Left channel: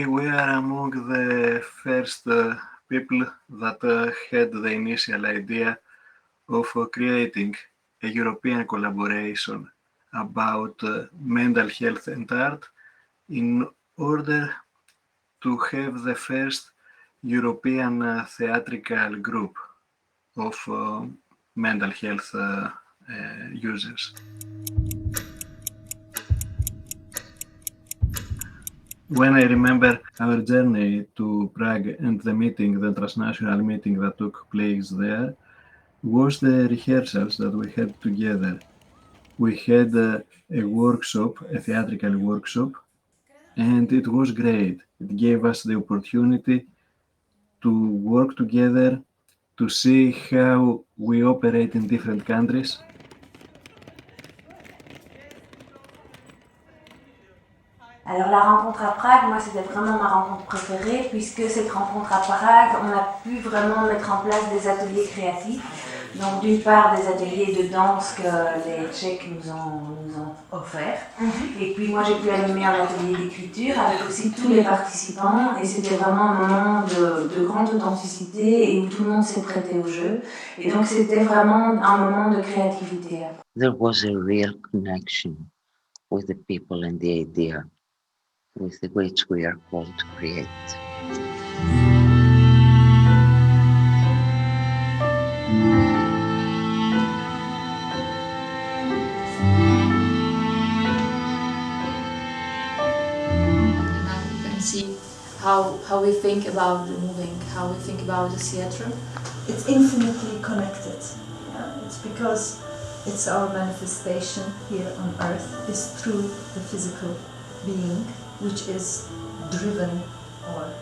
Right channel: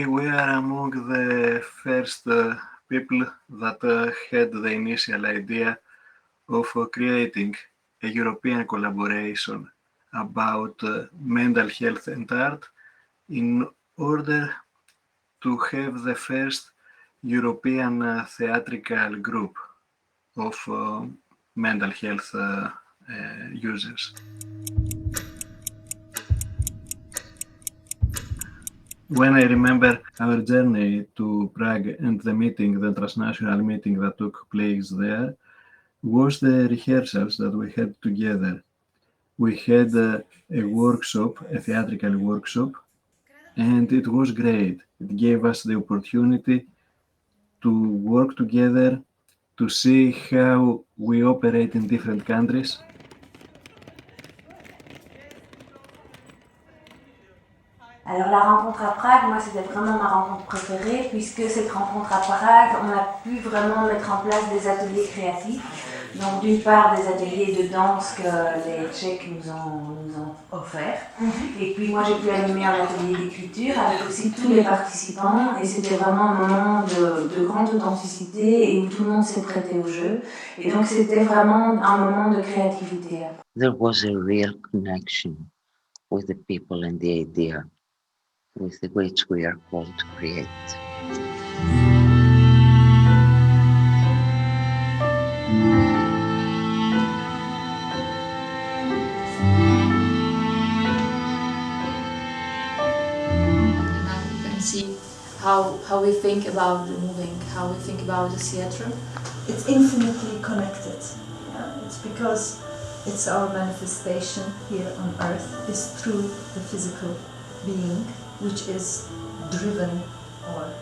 We were among the first people that had the initial idea of creating a European collaboration about mental health and art in order to have the first European theatrical group of mental health users. When I remember our journey to Prague and the transnational meeting that took place there, was the rehearsals that we had together. We had a workshop, a theatrical workshop, and it was great. It gave us the opportunity to work together, to see how we operate in different countries. Alors la rencontre à Prague, moi c'était vraiment ma rencontre préférée puisque cette rencontre à Prague, on a pu vraiment mettre en place des ateliers créatifs. Donc d'une part des ateliers de danse que les Tchèques nous ont offerts. Et puis moi j'ai pu animer un atelier d'écriture avec aussi tous les participants et c'était vraiment un moment de grande authenticité et où tout le monde s'est prêté au jeu. Et donc c'était vraiment un moment de créativité. There was a real connection with the people and the idea with which we are called to create. See how we think about the moving, how we think about the theatre. It's infinitely connected. Yeah? It's because it's our manifestation here on earth is through the physical being, which is driven or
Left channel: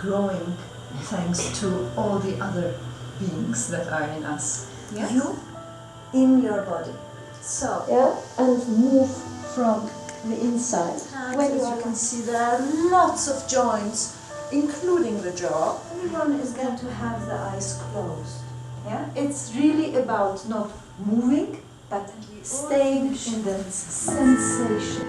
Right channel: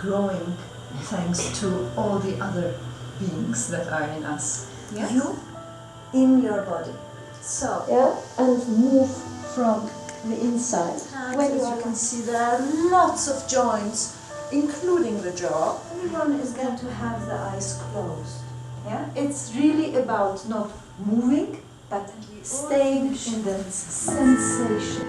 growing thanks to all the other beings that are in us. Yes? You in your body. So, yeah, and move from the inside. When as you can see, there are lots of joints, including the jaw. Everyone is going to have the eyes closed. Yeah, it's really about not moving, but staying in the sensation.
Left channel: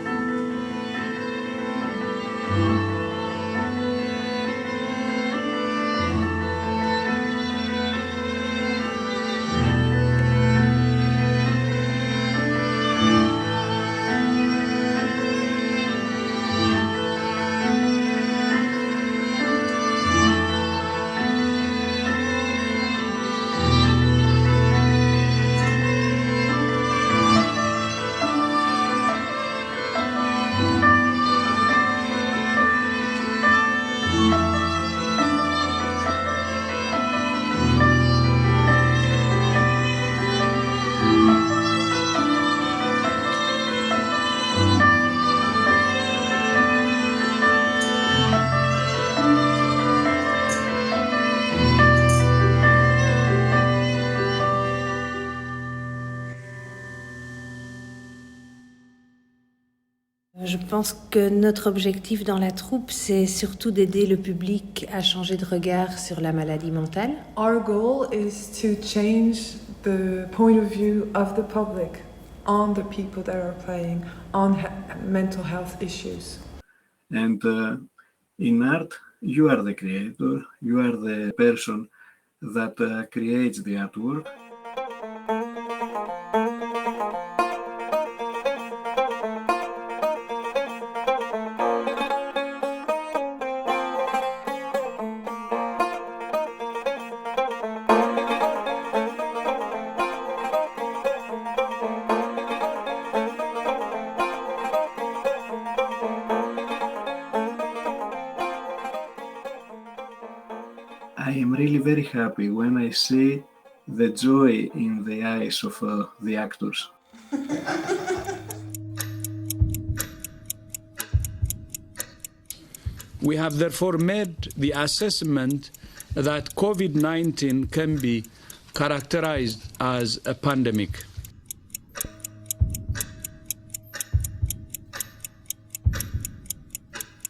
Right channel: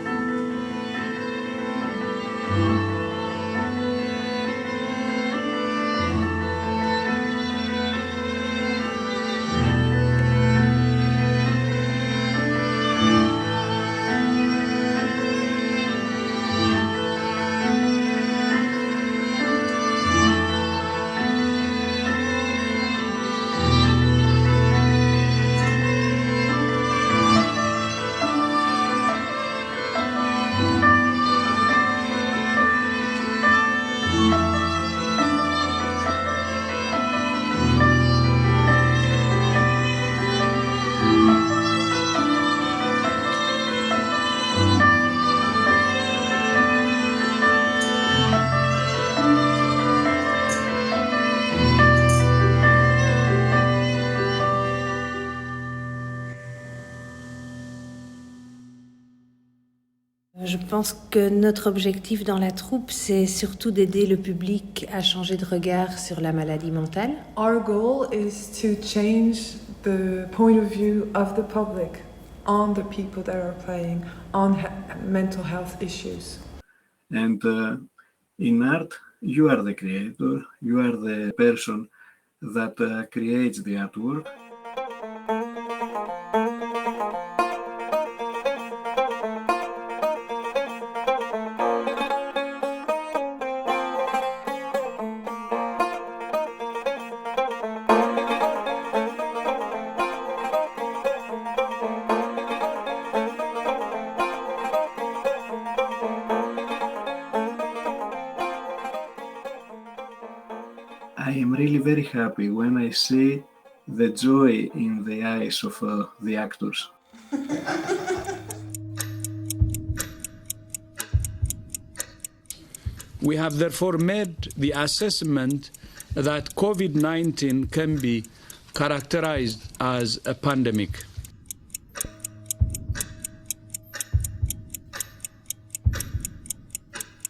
Je pense que notre objectif dans la troupe, c'est surtout d'aider le public à changer de regard sur la maladie mentale. Our goal is to change the point of view of the public on the people that are playing, on mental health issues. And in art, you are the creator, you are the person that creates the artwork. I am really very happy when I see the joy in the eyes of the actors. We have therefore made the assessment that COVID-19 can be characterized as a pandemic.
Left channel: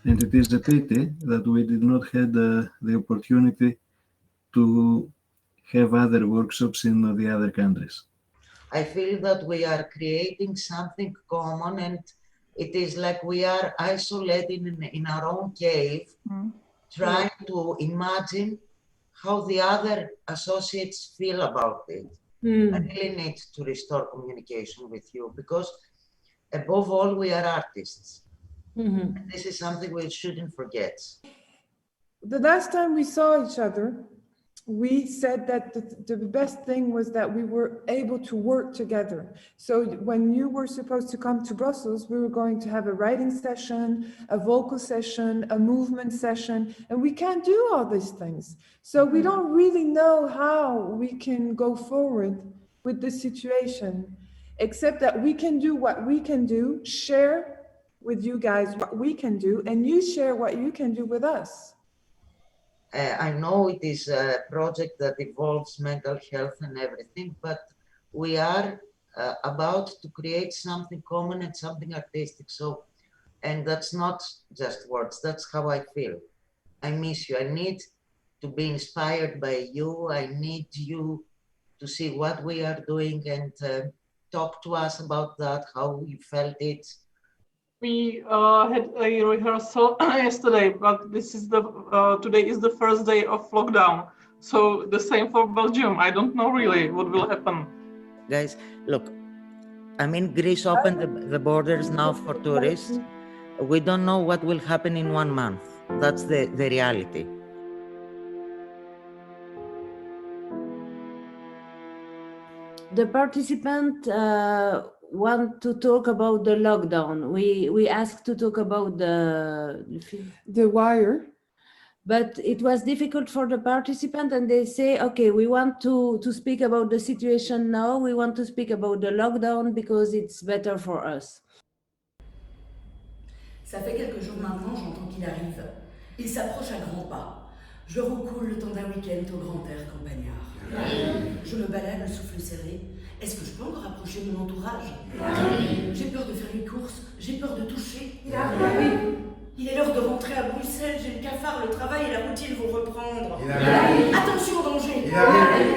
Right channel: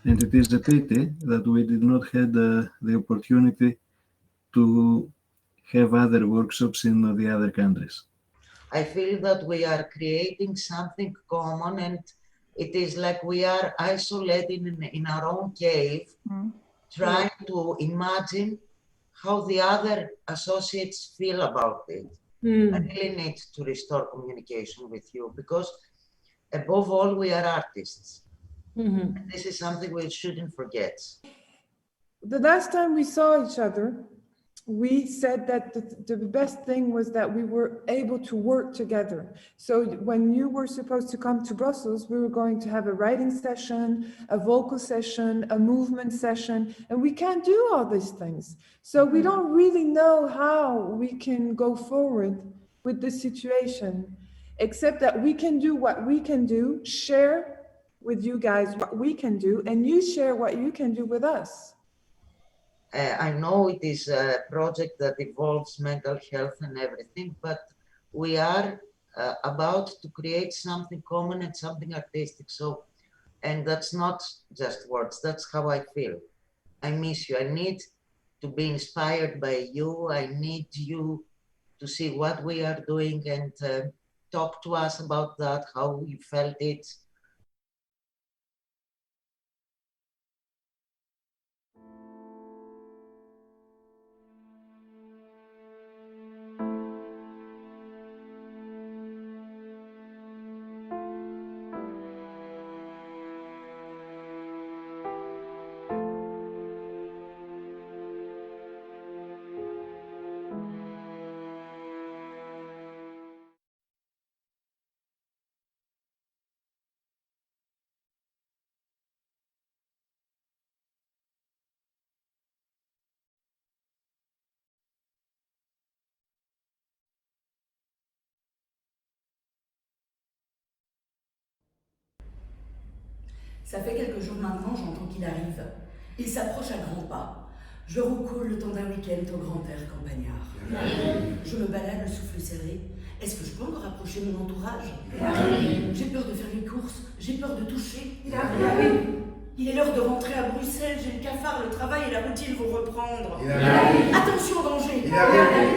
And it is a pity that we did not have the opportunity to have other workshops in the other countries. I feel that we are creating something common and It is like we are isolated in our own cave, trying to imagine how the other associates feel about it. I really need to restore communication with you because above all, we are artists. This is something we shouldn't forget. The last time we saw each other, we said that the best thing was that we were able to work together. So when you were supposed to come to Brussels, we were going to have a writing session, a vocal session, a movement session, and we can't do all these things. So we don't really know how we can go forward with this situation, except that we can do what we can do, share with you guys what we can do, and you share what you can do with us. I know it is a project that involves mental health and everything, but we are about to create something common and something artistic. So, and that's not just words, that's how I feel. I miss you. I need to be inspired by you. I need you to see what we are doing and talk to us about that, how you felt it. We had a rehearsal yesterday, but this is today is the first day of lockdown. So the same for Belgium. I don't know really what will happen. Guys, look, I mean, Greece opened the borders now for tourists. We don't know what will happen in 1 month. That's the reality. The participant want to talk about the lockdown. We asked to talk about the wire, but it was difficult for the participant, and they say, okay, we want to speak about the situation now. We want to speak about the lockdown because it's better for us. Ça fait quelques jours maintenant, j'entends qu'il arrive. Il s'approche à grands pas. Je roucoule le temps d'un week-end au grand air campagnard. Je me balade, le souffle serré. Est-ce que je peux encore approcher mon entourage? J'ai peur de faire les courses, j'ai peur de toucher. Il est l'heure de rentrer à Bruxelles, j'ai le cafard, le travail et la routine vont reprendre. Attention, danger.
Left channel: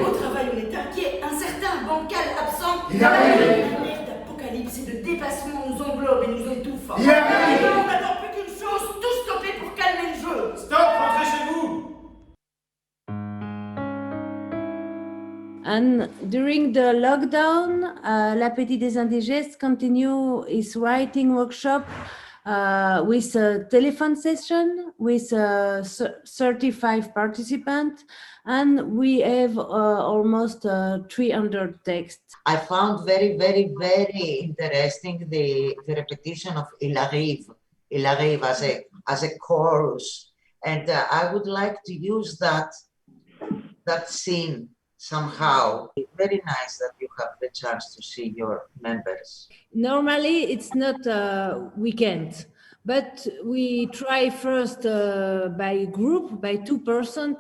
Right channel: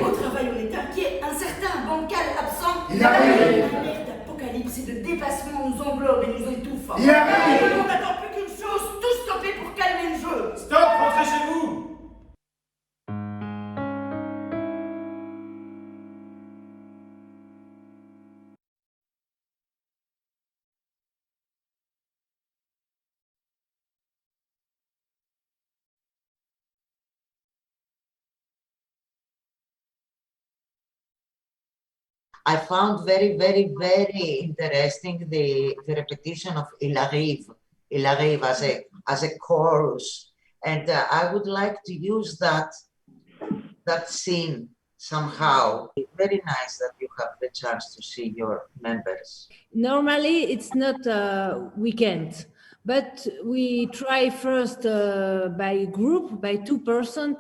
Au travail, on est inquiet, incertain, bancal, absent. L'alerte d'apocalypse et de dépassement nous englobe et nous étouffe. On n'attend plus qu'une chose, tout stopper pour calmer le jeu. Stop, rentrez chez vous. And during the lockdown, l'Appétit des Indigènes continue its writing workshop with a telephone session with 35 participants, and we have almost 300 texts. I found very, very, very interesting the repetition of Il arrive as a chorus, and I would like to use that scene somehow. It's very nice that you have the chance to see your members. Normally, it's not we can't, but we try first by group, by two person,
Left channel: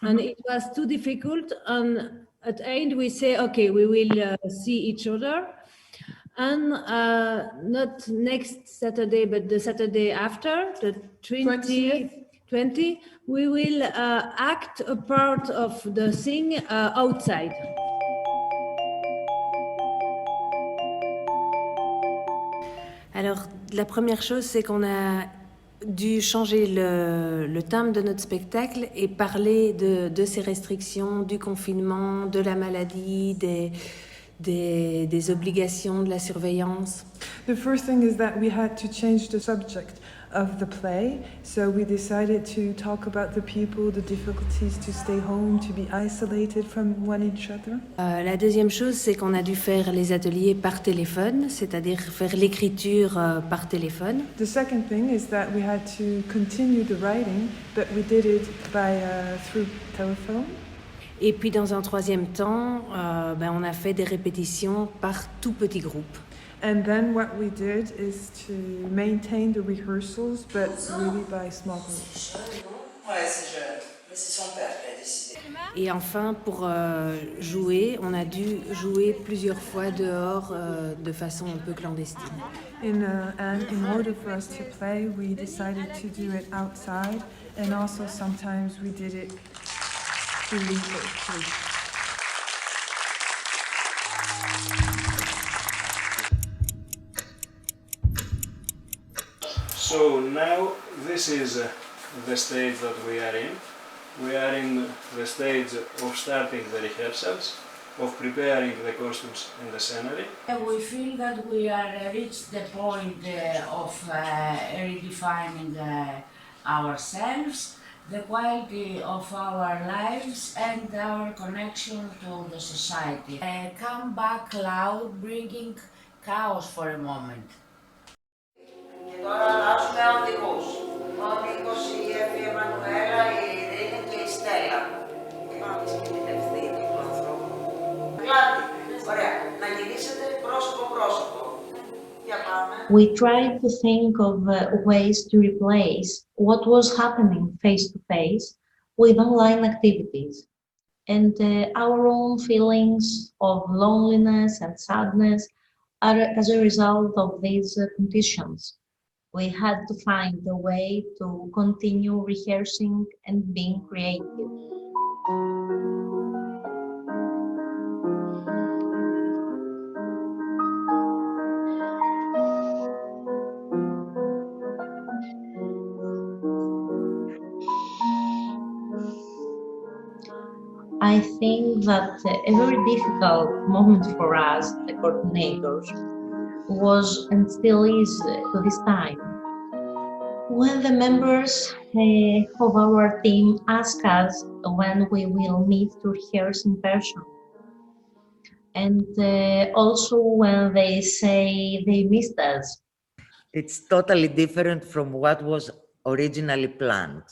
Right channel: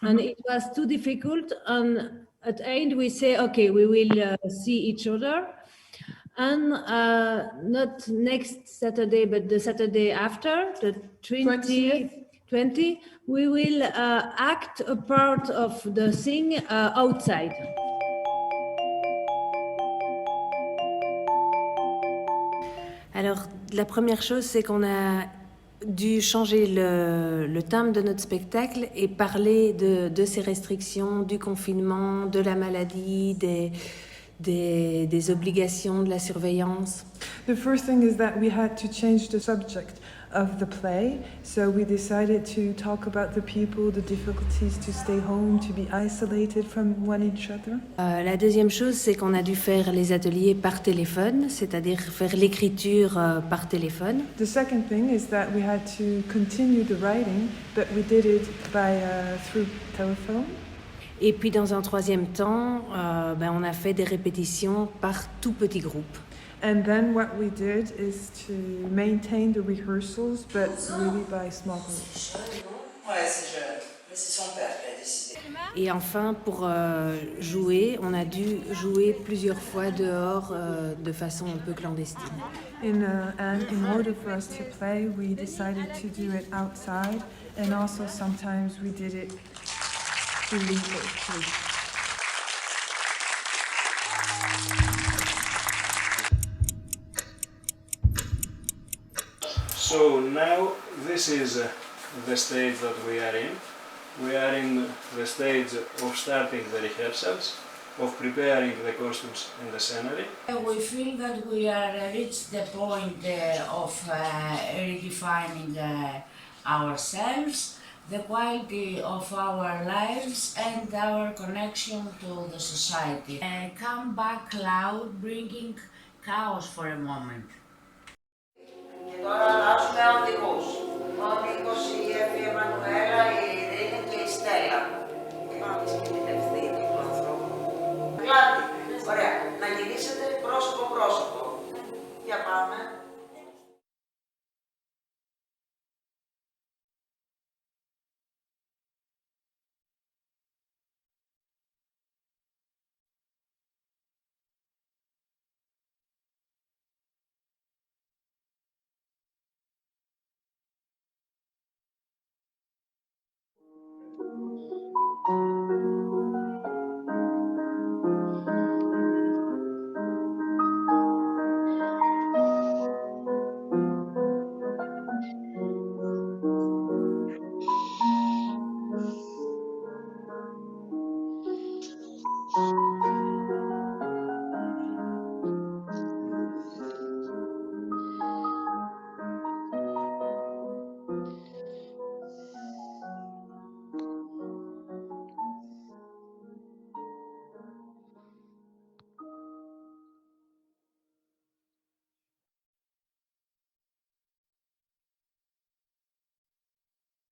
and it was too difficult. And at the end, we say, okay, we will see each other. And not next Saturday, but the Saturday after, the 20, we will act a part of the thing outside. Alors, la première chose, c'est qu'on a dû changer le thème de notre spectacle et parler de ces restrictions, du confinement, de la maladie, des obligations, de la surveillance. The first thing is that we had to change the subject of the play, so we decided to talk about the people, the difficulties to stay home, to be isolated from one each other. La deuxième chose, c'est qu'on a dû faire les ateliers par téléphone, c'est-à-dire faire l'écriture par téléphone. The second thing is that we had to continue the writing, but we did it through telephone. Et puis dans un troisième temps, on a fait des répétitions par tout petit groupe. And then what we did is to maintain the rehearsals, but really by small groups. Ouais, c'est jeune, mais c'est son père qui a décidé. Et enfin, pour jouer, on a dû jouer plusieurs fois dehors de façon un peu clandestine. And in order for us to play, we decided to do it outside, and also sometimes we did it illegally. So now this is the stage that we are in. We are in the stage of starting the rehearsals, of preparing the costumes and the scenery. We feel that we are reached the point of redefining ourselves, the quality of our lives and our connection to the society. Come back loud, bringing chaos for a moment. Και τώρα αλλάζουμε αντικούς. Ο Νίκος, η Εύη, η Εμμανουέλα, η Ειρήνη και η Στέλλα. Είπαμε και την ευθύνη του ανθρώπου. Κλάτη, ωραία, να γυρίσετε πρόσωπο-πρόσωπο. Για πάμε. We tried to think of ways to replace what was happening face-to-face with online activities. And our own feelings of loneliness and sadness are as a result of these conditions. We had to find a way to continue rehearsing and being creative. I think that a very difficult moment for us, the coordinators, was and still is to this time. When the members of our team ask us when we will meet to rehearse in person, and also when they say they missed us. It's totally different from what was originally planned.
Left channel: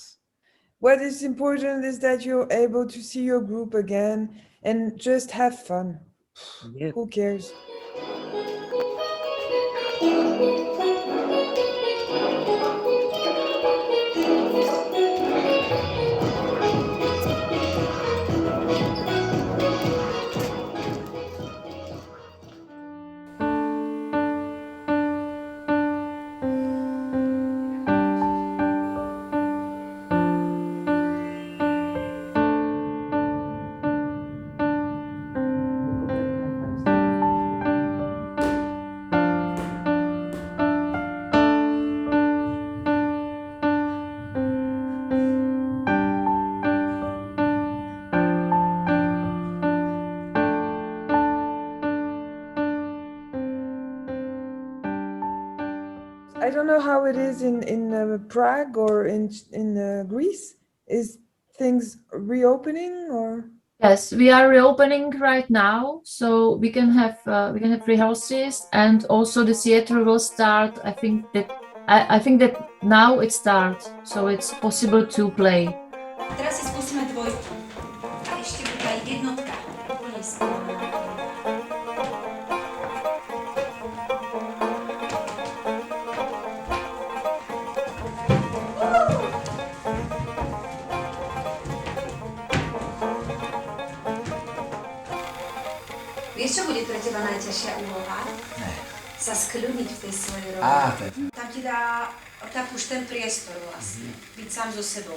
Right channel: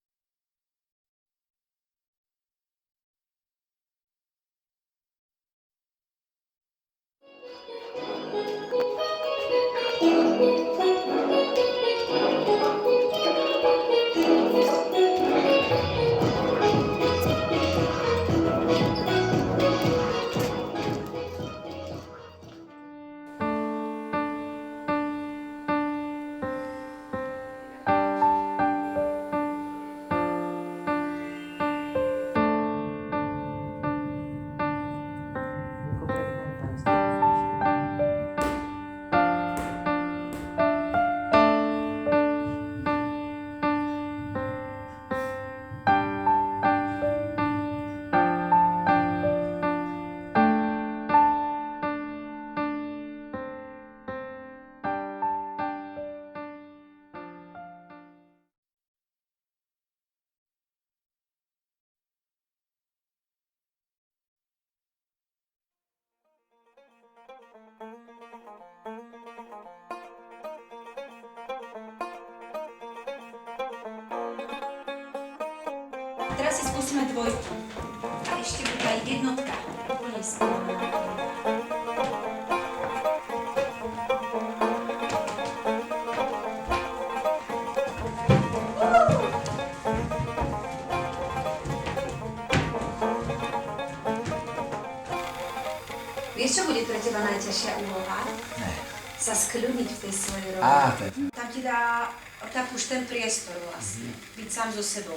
What is important is that you're able to see your group again and just have fun. Yep. Who cares? I don't know how it is in Prague or in Greece. Is things reopening or? Yes, we are reopening right now, so we can have rehearsals, and also the theater will start. I think that now it starts, so it's possible to play. Teraz si skúsime dvojku. A ešte bude aj jednotka. Vieš, čo bude pre teba najťažšia úloha? Ne. Sa skľudniť v tej svojej roli. Tam ti dá tak už ten priestor vlastne, byť sám so sebou.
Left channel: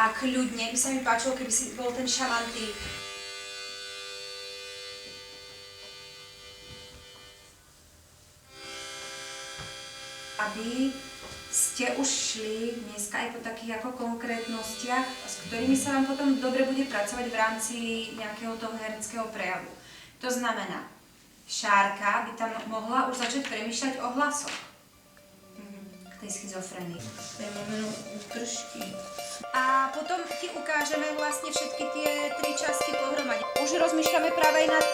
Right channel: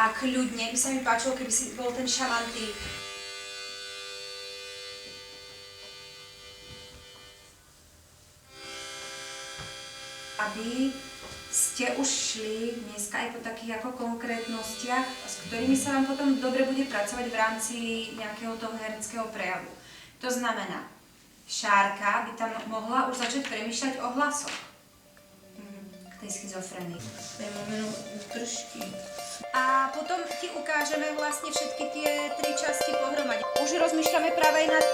A kľudne by sa mi páčilo, keby si bol ten šamantý. Aby ste už šli dneska aj po takých ako konkrétnostiach, s ktorými sa vám potom dobre bude pracovať v rámci nejakého toho hereckého prejavu. To znamená, Šárka by tam mohla už začať premýšľať o hlasoch k tej schizofrenii. To je moment trošky. A potom ti ukážeme vlastne všetky tie 3 časti pohromade. Už rozmýšľame práve aj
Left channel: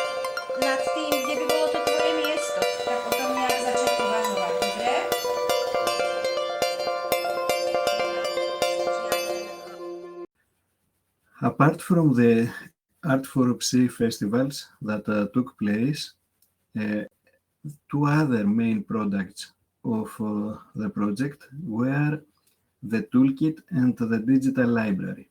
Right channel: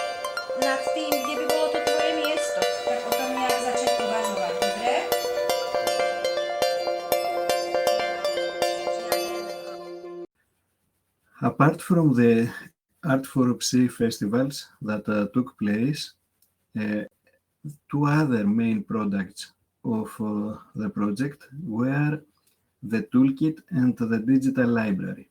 nad tým, kde by bolo to tvoje miesto. Tak o tom nejak začať uvažovať, dobre? Apart from the Art4Psy festivals that took place, 2 other main products of the project were the toolkit and the digital library.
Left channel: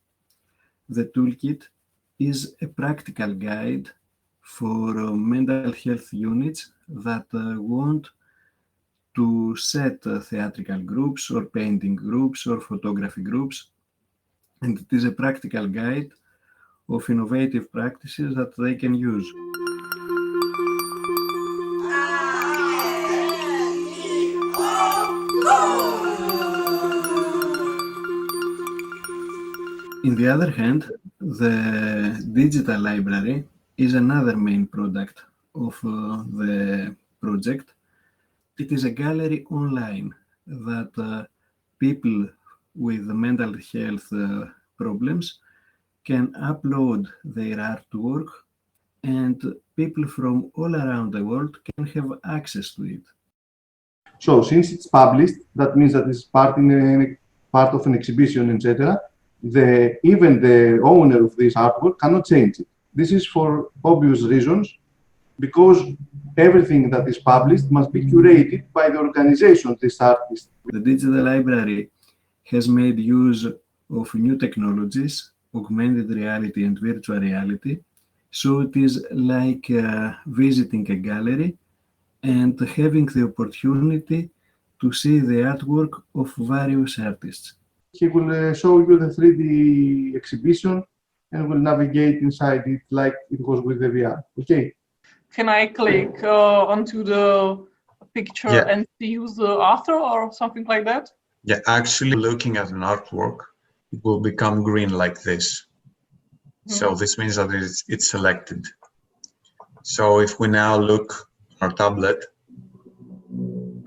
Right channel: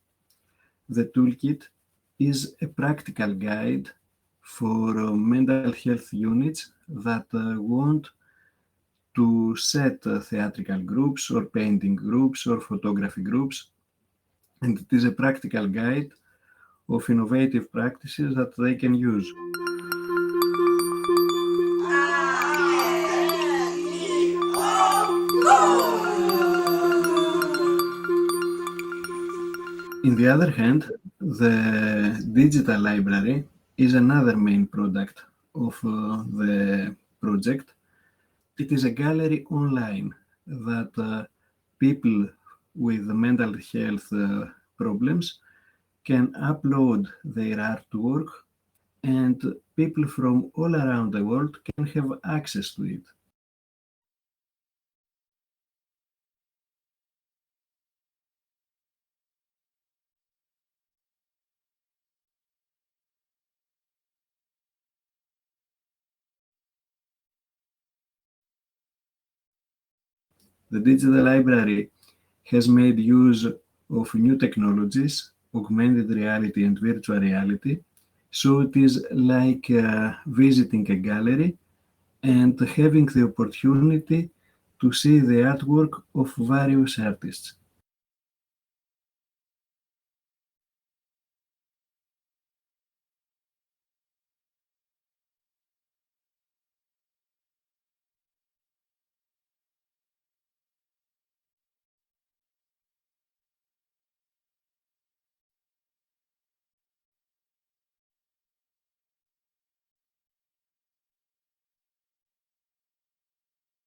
The toolkit is a practical guide for mental health units that want to set theatrical groups or painting groups or photography groups, and it is a practical guide of innovative practices that they can use. Oh, In the other hand, the digital library is another main product of the project. It is a gallery online that people with mental health problems can upload their artwork, and people from all around the world can have access to it. So since it's published, that means that it's part of an exhibition, etc. Even the owner of this artwork cannot change it. This is for obvious reasons, because everything that is published must be curated by the organization of this artist. The digital library has made use of new technologies, augmented reality and virtual reality, so it is like visiting a gallery and having the opportunity to see the artwork of various artists. He will show you the 3D exhibition and will navigate inside it like it was with the VR. Okay. Can I click onto the picture and see who's the author or something like that? Yeah, actually looking at an artwork, it will become green like this. So this means that it's selected. So if we now look at our tablet,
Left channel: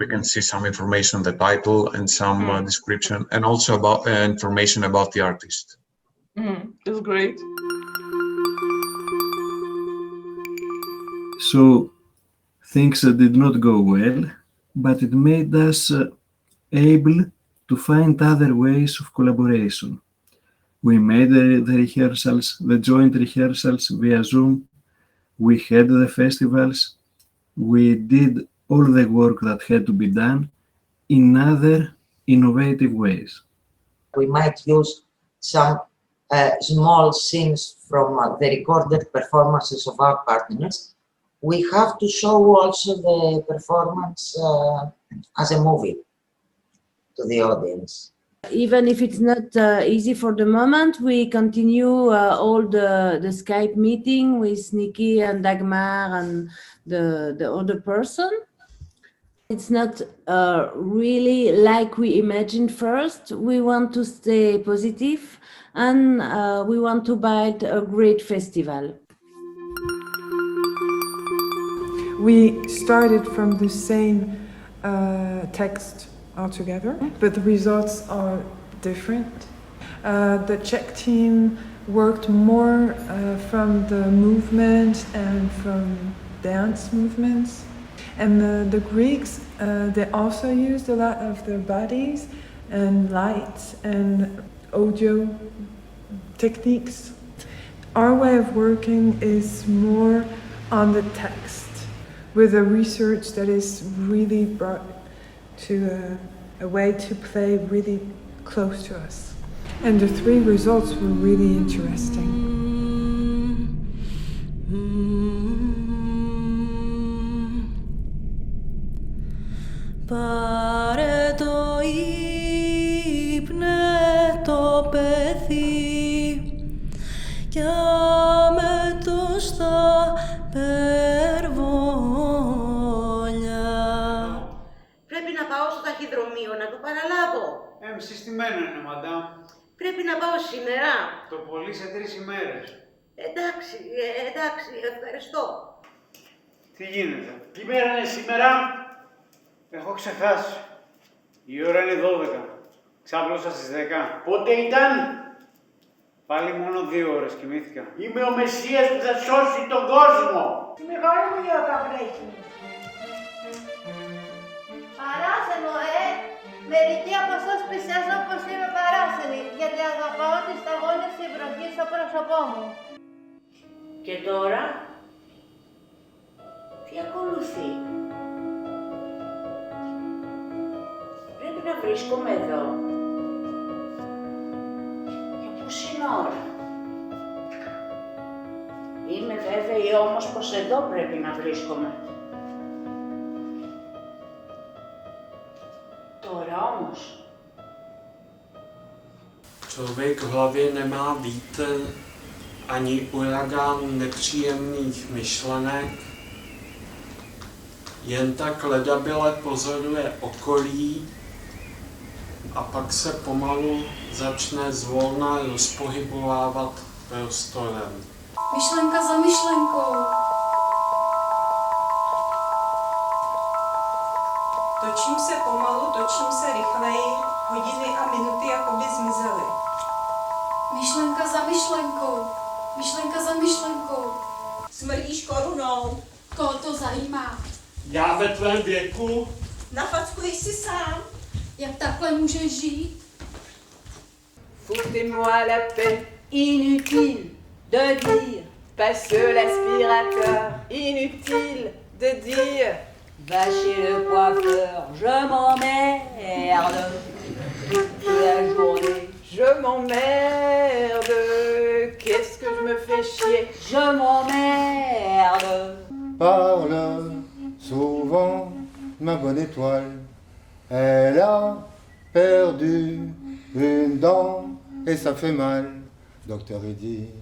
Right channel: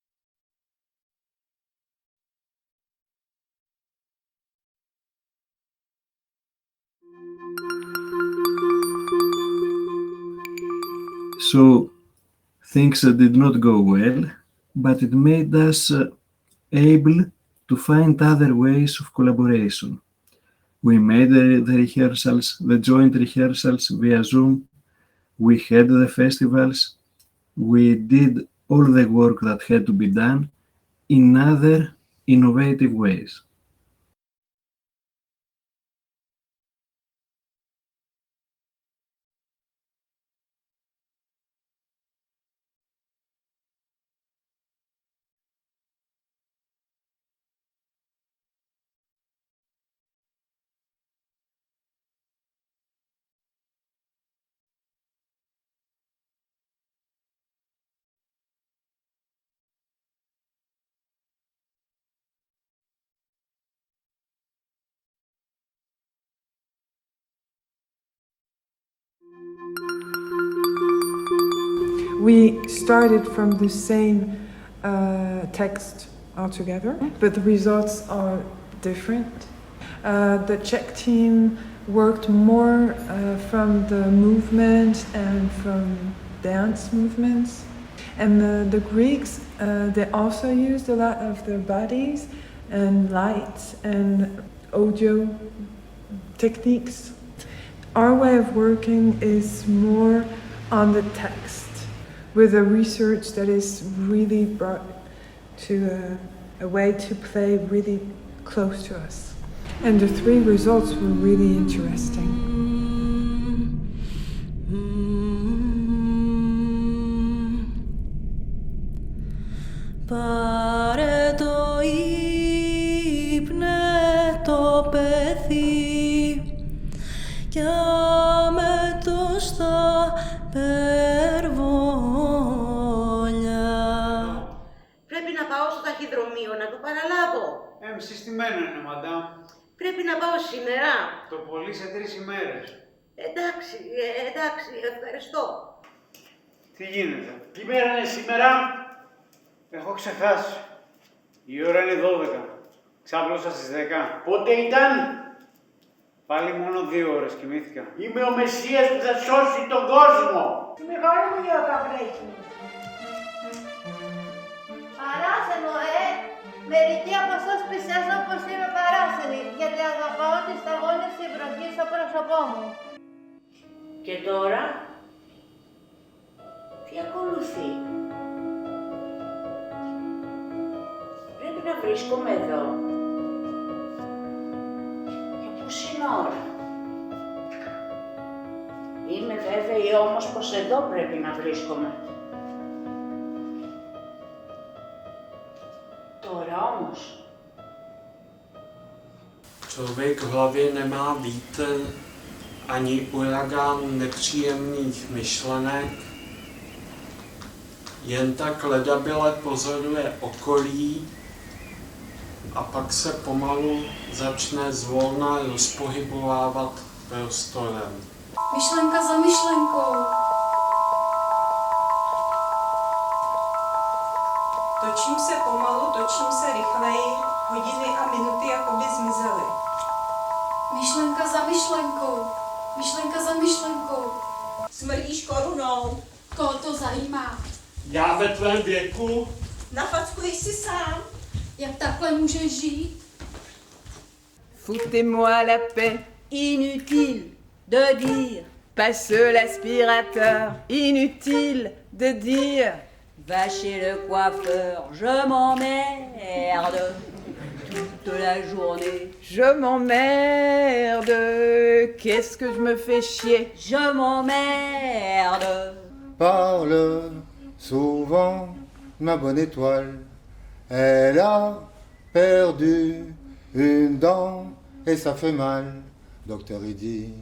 we can see some information on the title and some description, and also about information about the artist. That's great. So things did not go well, but it made us able to find other ways of collaboration. We made the rehearsals, the joint rehearsals via Zoom. We had the festivals. We did all the work that had to be done in other innovative ways. We might use some small scenes from the recorded performances of our partners. We have to show also the performance as a movie to the audience. Even if it's not easy for the moment, we continue all the Skype meeting with Nikki and Dagmar and the other person. It's not really like we imagined first. We want to stay positive, and we want to build a great festival. We started from the same text altogether, but the results are different. The Czech team worked more from the movement and from dance movements. And the Greeks, they also used a lot of their bodies and lights and audio techniques. Our way of working is more on the text, with a research that is really brought to a way to play really close to us. And the 3 results were really interesting. Πάρε το ύπνε το παιδί κι άμε το στα περβόλια. Πρέπει να πάω στο ταχυδρομείο να το παραλάβω. Συστημένο είναι, μαντάμ. Πρέπει να πάω σήμερα. Το πολύ σε 3 ημέρες. Εντάξει, ευχαριστώ. Τι γίνεται? Τι μέρα είναι σήμερα? Έχω ξεχάσει. Η ώρα είναι 12. Ξάπλωσα στις 10. Πότε ήταν? Πάλι μόνο 2 ώρες κοιμήθηκα. Είμαι ο Μεσσίας που θα σώσει τον κόσμο. Τη μεγάλη μου γιώτα βρέχει. Παράσενο, Μερικοί από εσάς πλησιάζουν πως είμαι παράσενη, γιατί αγαπάω τις σταγόνες της βροχής στο πρόσωπό μου. Και τώρα, τι ακολουθεί? Πρέπει να βρίσκομαι εδώ. Για πόση ώρα? Είμαι βέβαιη όμως πως εδώ πρέπει να βρίσκομαι. Τώρα όμως. Člověk v hlavě nemá vítr ani uragán nepříjemných myšlenek, jen tak ledabyle pozoruje okolí a pak se pomalu začne zvolna rozpohybovávat prostorem. Myšlenka za myšlenkou. Točím se pomalu, točím se rychleji, hodiny a minuty jakoby zmizely. Myšlenka za myšlenkou. Myšlenka za myšlenkou. Smrdíš korunou. Koho to zajímá? Já ve tvém věku? Nafackuješ si sám. Jak takhle můžeš žít? Foutez-moi la paix, inutile de dire, passe l'aspirateur, inutile de dire, va chez le coiffeur, je m'emmerde toute la journée. Je m'emmerde, qu'est-ce que je me fais chier, je m'emmerde. Parle souvent ma bonne étoile, elle a perdu une dent et ça fait mal. Docteur il dit,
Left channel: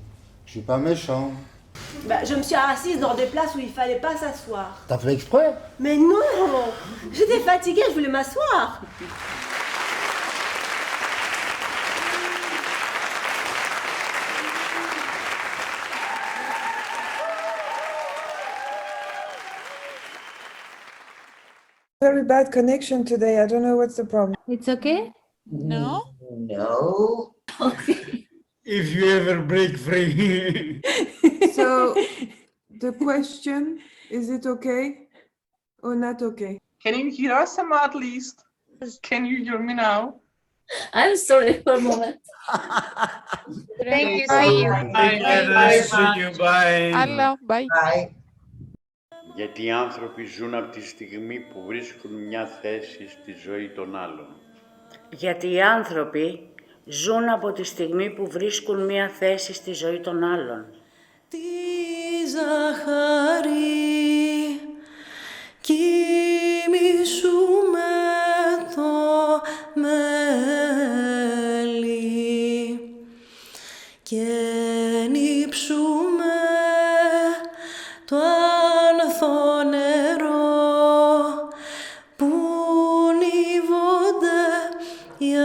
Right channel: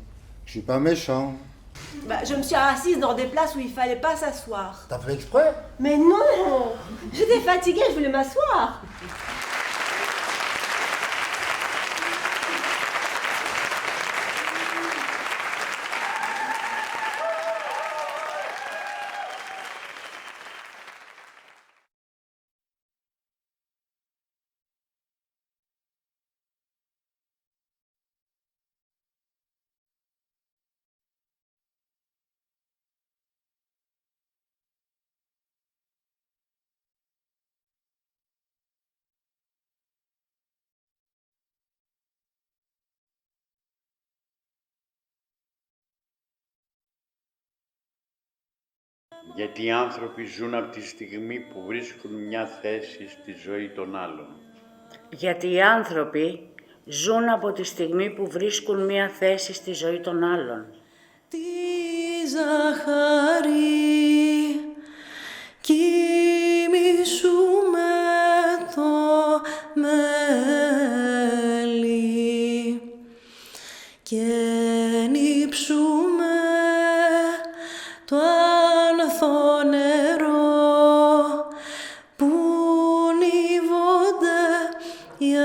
je suis pas méchant. Bah, je me suis assise dans des places où il fallait pas s'asseoir. T'as fait exprès? Mais non! J'étais fatiguée, je voulais m'asseoir. Very bad connection today. I don't know what's the problem. It's okay? No. If you ever break free. So the question, is it okay or not okay? Can you hear us, Emma, at least? Can you hear me now? I'm sorry for a moment. Thank you. See you. Bye. See you. Bye. Hello. Bye. Bye. Γιατί οι άνθρωποι ζουν από τη στιγμή που βρίσκουν μια θέση στη ζωή των άλλων. Γιατί οι άνθρωποι ζουν από τη στιγμή που βρίσκουν μία θέση στη ζωή των άλλων. Τη ζαχαρή κοιμήσου με το μέλι και νύψουμε το άνθο νερό που νύβονται οι